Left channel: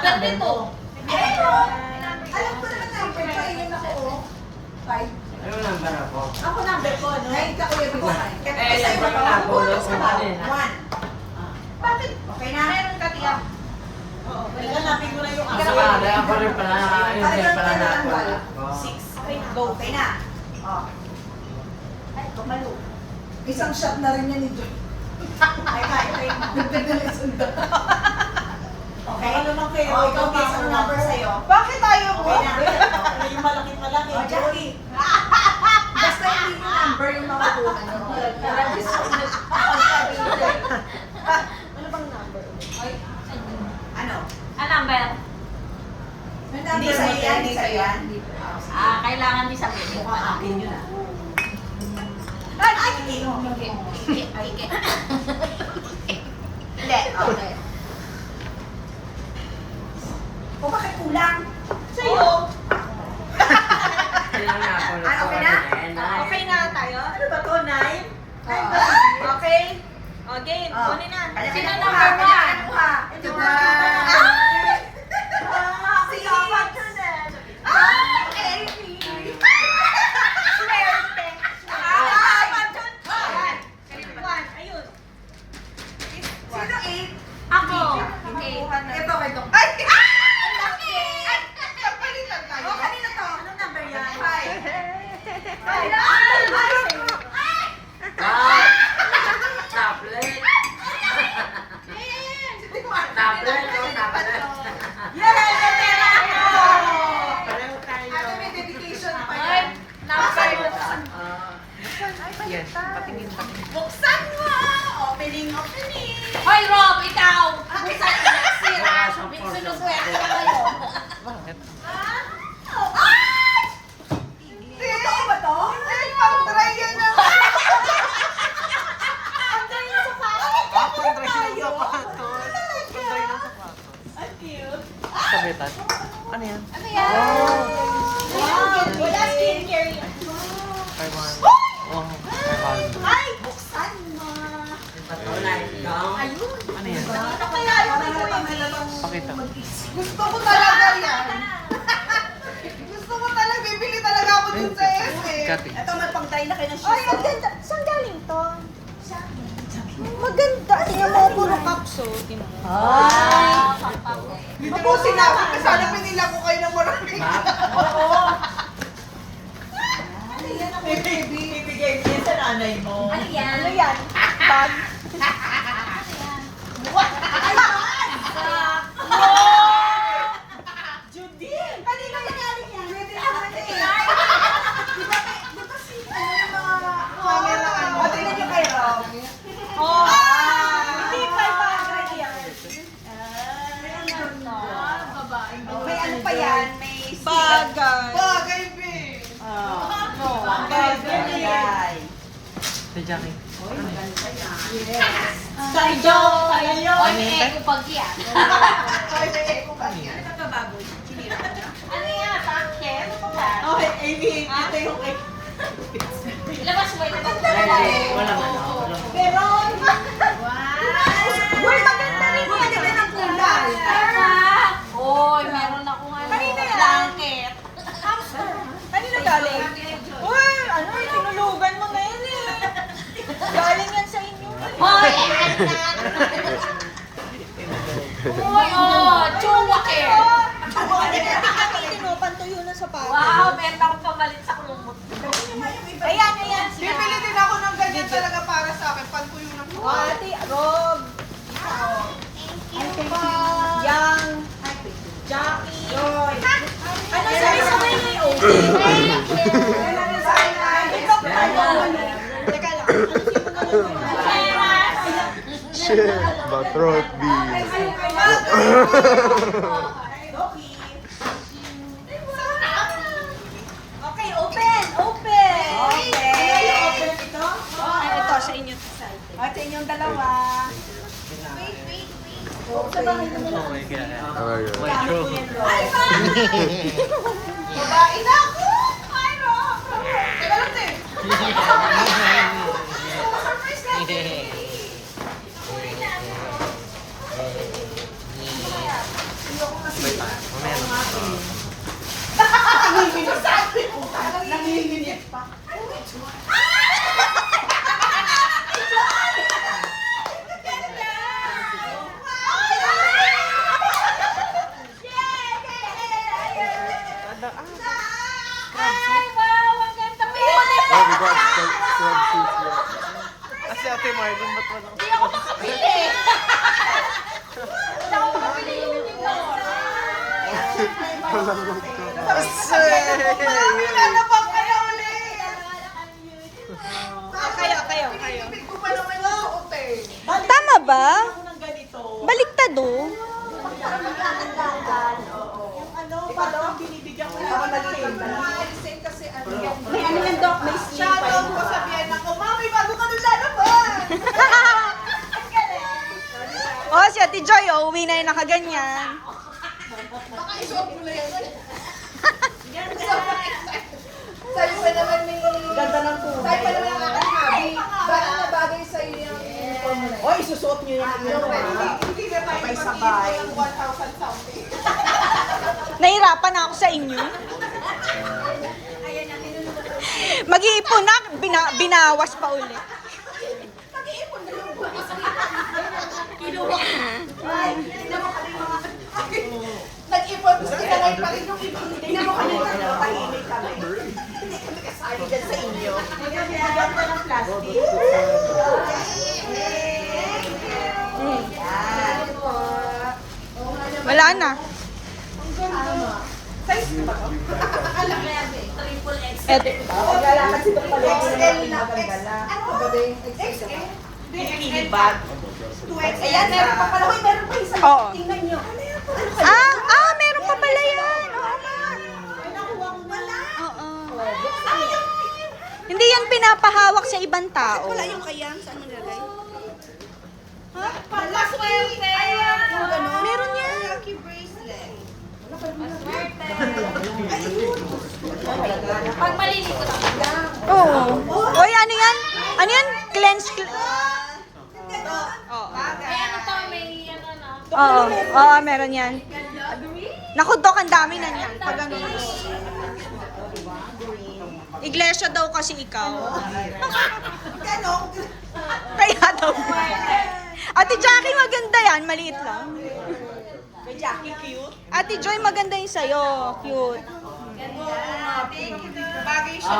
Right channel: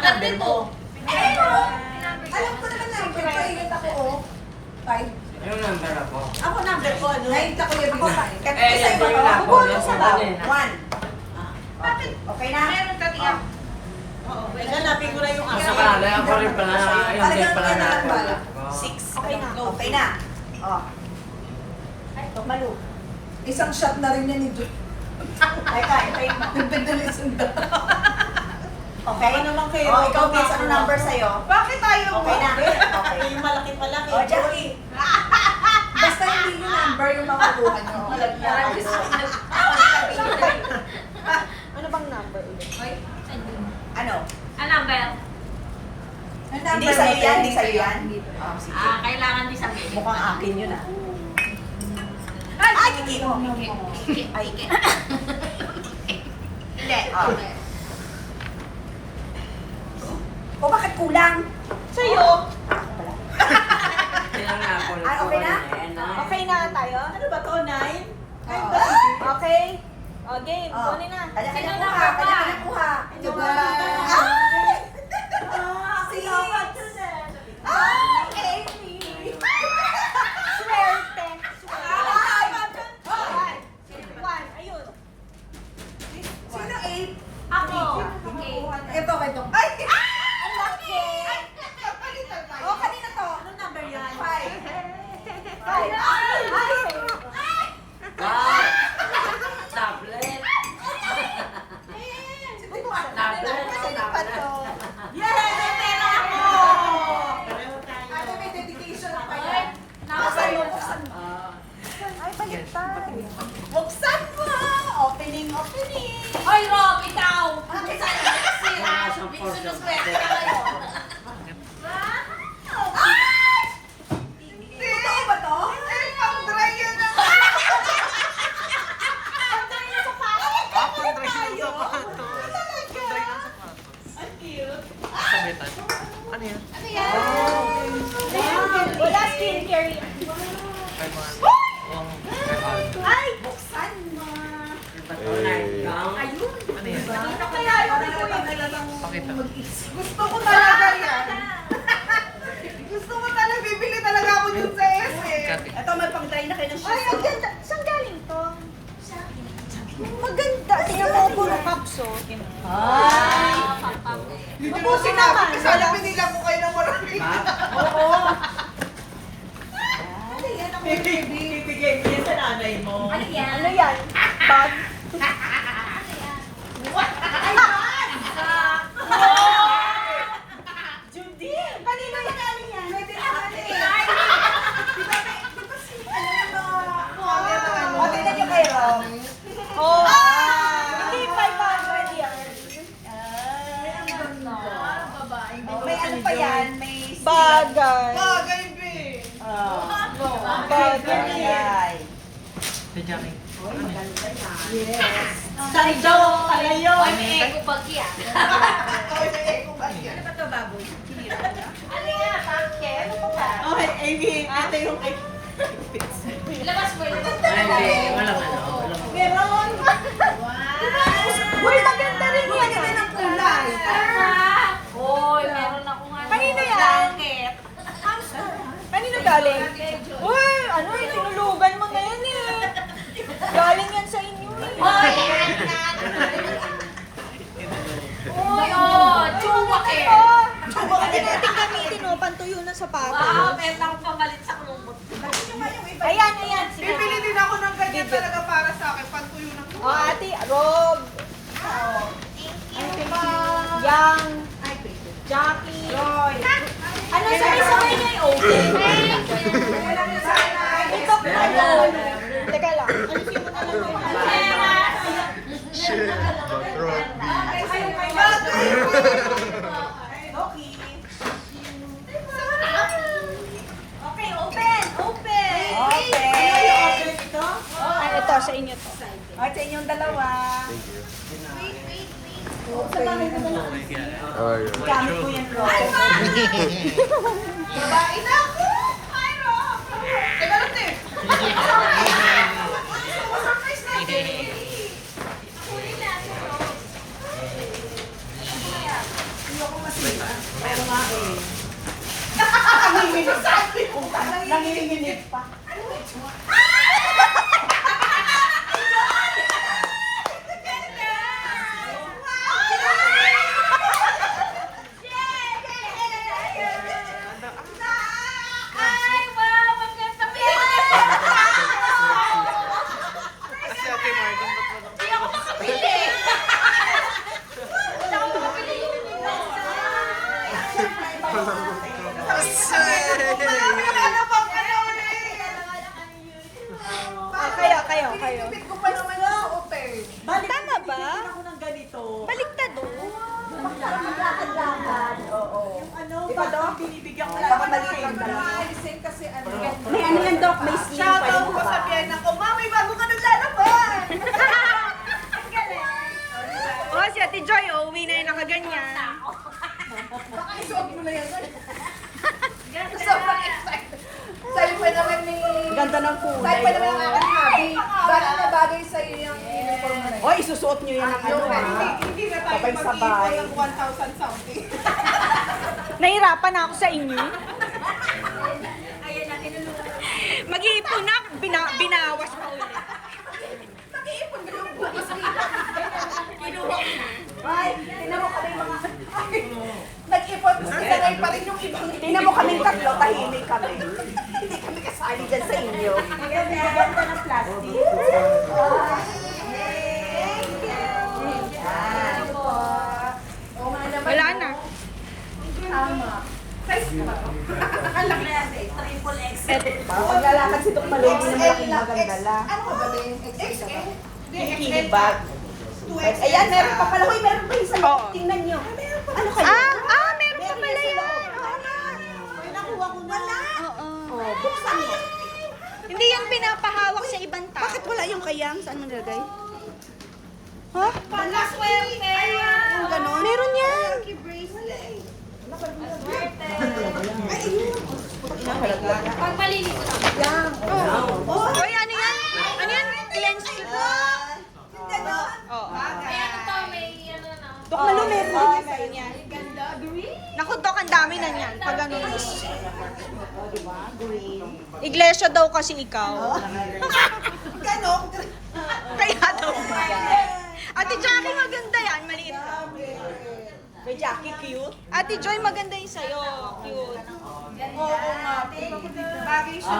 number mo. Alam ko naman number ko, yun ako, 5. Ano number ako? Ako number ko, 9 ako yung bisa. Isa Isa yung ako, yung kumanin. 1. Bakit? Okay na? Meron ka tiyak. Oo, lalapin ko na yung Isa ka, dahil ako rin pala na, yun din pala na ako. 6. Okay na. Okay na. Ay, kamalo. Isang shot na rin yan ni Joy. Ay, kaya. Nagtagda na isang dot. Okay? Ano naman kayo? Ikaw may isang number sa'yo. Bakit tayo mo? Okay na. Okay. Yung malaki-malaki. Joy. Basta hindi yung number yung makukuha nyo. Ano bang number? Ano? Ano number? Hindi sa'yo yan, hindi sa'yo yan. Kailangan di sabihin. Mukhang akin yun ah. Ay, hindi mo. Ay, hindi. Okay. O bakit kulang? Sa'yo. Kailangan na ako. Ay, okay na? Okay na tayo? Ano ba to, 9? Okay. O, game. Kunin na. Kanya-kanya Sino kuha, number kanya-kanya one? kuha. Tada! Ay! Si Amy! Swerte. Ay! One. Ayun. Sino 8? Ako. Okay. Ito, ito. Ay! Kapalitan tayo. O, kanina to. Anong number yan? 5. Ay! Ah! Tablet! Tablet! Tablet! Yay! May pera ako! Pareho tayo. Ano, may dedication pa yan. Buksan mo! Opening! Hoy, Rob, ikaw. Okay, sa'yo. Wala sa force of Ay! Totoo ba to? Hindi, pang-try yan na. Pang-try ng sapatos. Pantry ng sapatos. Pantry ng sapatos. Ang cute. Sabitan. Ano yan? Wala skincare yan. Ay, buksan mo. Ayun. Ano yan? Ano kaya yung Pakita. Gusto ko talaga yan. Gusto ko talaga, bibili talaga ako dun sa SM. Kapi. Ito, may pang-try na kayo ng shoes. Ay, ang ganda. Saan galing to? Maganda. Tingnan mo, puro capsule. Tingnan mo. Ah! Papago. Mabusin namin kasi alam mo nila ko kayo ng marami. Oo. Ano yan ang bibigay mo yan sa nanay mo? Ano yan? Ano yan? Bag? Ay, bag! Judy! Kanino yan galing yan? Pwede naman eh. Di ba si ano yung mga camera ano? Tingnan niyo kayo. Oh! Hindi pa yan. May ano pa yan? May Bagay. Bagay, be! Bagay, bagay. Si Jackie. Sarjo! Talayo! Oy, may ego pag yan. Ano ba ito, baboy? Ano yan? Pakyan. Okay, Amy. Ito yung Labas mo, labas mo. Ay, wala man. meron! Wow! Uy, maganda rin. Maganda ng kulay. Oy, meron ako nga. Kanina yan. Blanket. Kanino galing? Uy, ano yung tinulugan mo ngayon eh? Galing yan sa inyo eh. Hoy! Oh, Chewbacca. Gamitin mo, pantuyo ng sapatos. Wow, benta ko pamalit sa kumot. Ayan, ayan. Bibili din ako ng ganyan talaga para sa akin. Pantuyo ng sapatos. Ate, Rob. Thank you. Yang. Jackie. Joy. Ano sabay-sabay na yung open? Wala na sa akin. Teka lang. Ano sino na lang? Shit, batrot B. Okay, open! Open! Okay. Ano yung open ito? Ito, sa inyo to. O, sa inyong dalawa. Thank you. Sa bahay na lang. Ayun. Gamit ko yan, Rob. Ay, ma! Babae na ako! Ay, Rob! Teka lang, te. Surprise natin. sasabi mo, nanginginig pa. Ay, wow! Ang ganda pa! Oh, we got swag suits. Kasi ate Marlon, ba't wala ka? Hindi ako makapili! Malambot ka. Nilalapak ka na ulit. Kayo. Pinipit ko pa naman yung suot eh. Tama ba? Ng ganito. Baliktado. Para maglakad-lakad. Oo. Ikaw daw ang binibigyan ko lang ng same kasi may ano yan daw, may sleep. Shoutout ko sa Vienna ko, Mami, bago ka naglalaban! Ang galing! Oh, si Ate Joy, oh, uwi na yung nakaganyan. Baka isuot mo na yun. Sa'yo pa naman ni... Ganda ng puno. Sa'yo pa naman ang aking hobby. Bakit na bagay sa'yo yung uniform mo na yun? Isusuot niyo yun. Hindi na tayo sabay 1,000 something. Nahirapan na ako sa inyo. Mag-iipon na, binawas pa ulit. Nag-iipon ka yung bukas. Kinuha ko. Kinuha ko yung mga... Nag-ipon, sinanay pa rin yung ibang... Tingnan mo kaming tatlo, tahimik kami. Hindi kami kasali dyan sa inyo. Nagaganda ng plastic. Yan. Wala na. Tama. Size na ba? Ang laki yan eh. Triple X. Oo, wala kasi ito pala yung maganda lang. Ano ba ba yung XL? Hindi, XL ba? 2XL. Ayan, meron pa pala. Uy, meron pa isa. Oo. Tingnan nyo. Ano kayo? Meron pa pala yan. Oo nga. Nakuha ko na lang. Oo. Buksan mo. Hindi yan pinapahawak sa ibang tao. Wala yung kayang. Saan ang gagay? Ha? Panaswerte! Kung gano'n. Meron yan. Lucky bracelet. Pag malilito ako. Oo. Oy, ano yan? Ano yan? Cleanse. Gano'n. Oo. May ano to, may ano na. Oo, meron yan. Naku, Dok, ang dami na yan. Pag ano na. Iglesia daw kasi ikaw. Gano'n. Kaya daw. Ate Jackie, maganda yan. Maliit lang. May Jackie cute. Ate Joy, maganda yung sa'yo. Cute. Oo nga. Bagay siya